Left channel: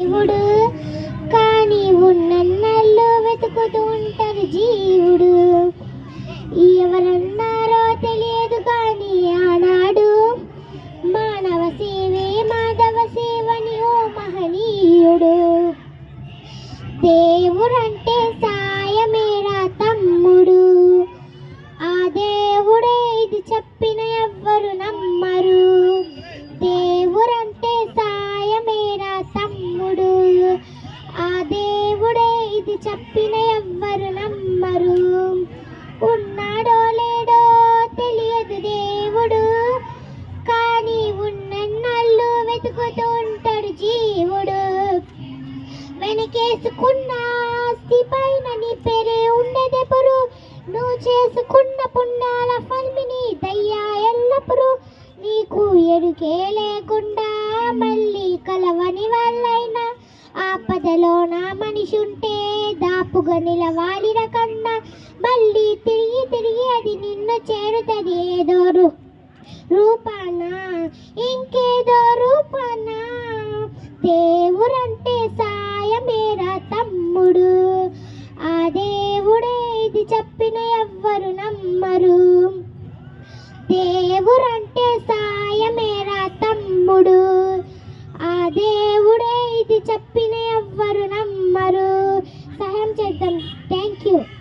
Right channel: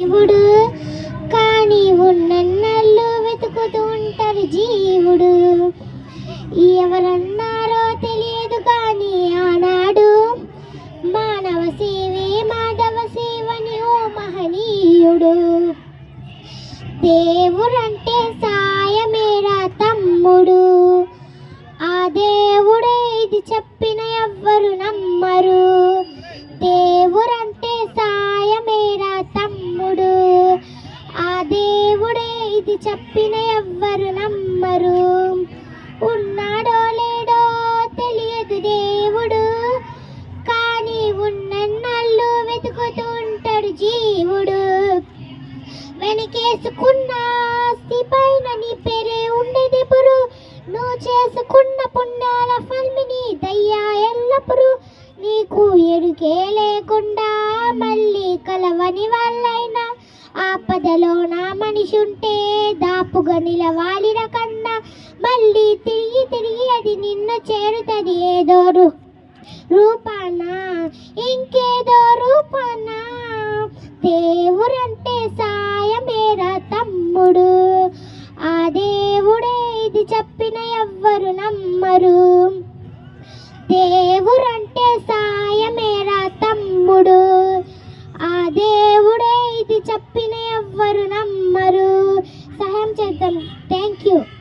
జీవుడు. కానీ ఉన్నన్నళ్ళు వెతుకుతూ ఉంటారు జీవుడు. ఎవరన్నారో తెలియదు కానీ ఆనాడు మానవ సేవే మాధవ సేవని ఓ మహనీయుడు. దేవుడంటే సాయమేరా తమ్ముడు. ఆ దేవుడే ఇది చెప్పిన ఎవ్వరు నమ్మరు. దేవుడు చెప్పిన ఎవ్వరు నమ్మరు. ఉన్నాడో లేడో తెలియదు దేవుడు. కానీ ఉన్నన్నాళ్ళు వెతుకుతూ ఉంటాడు జీవుడు. వెనకేసుకున్న ఆస్తి పైన నీ పేరే ఉండేదెప్పుడు నువ్వు చేసుకున్న పుణ్యాల ఫల్మిని దయ్యా ఎల్లప్పుడు. నీకు ఎరుకే లేకుండా మళ్ళీ కలవని వాళ్ళైనా ఆపదలో నా మనిషుంటే దాపుగా నిలవాలి కన్నా. మళ్ళీ తిరిగి తిరిగి అది నిన్ను చేరుతుంది ఏదో రూ రూపాన? ఇంకేదో రూపాన? దేవుడంటే సాయమేరా తమ్ముడు. ఆ దేవుడే ఇది చెప్పిన ఎవ్వరు నమ్మరు. దేవుడంటే them. Thank you.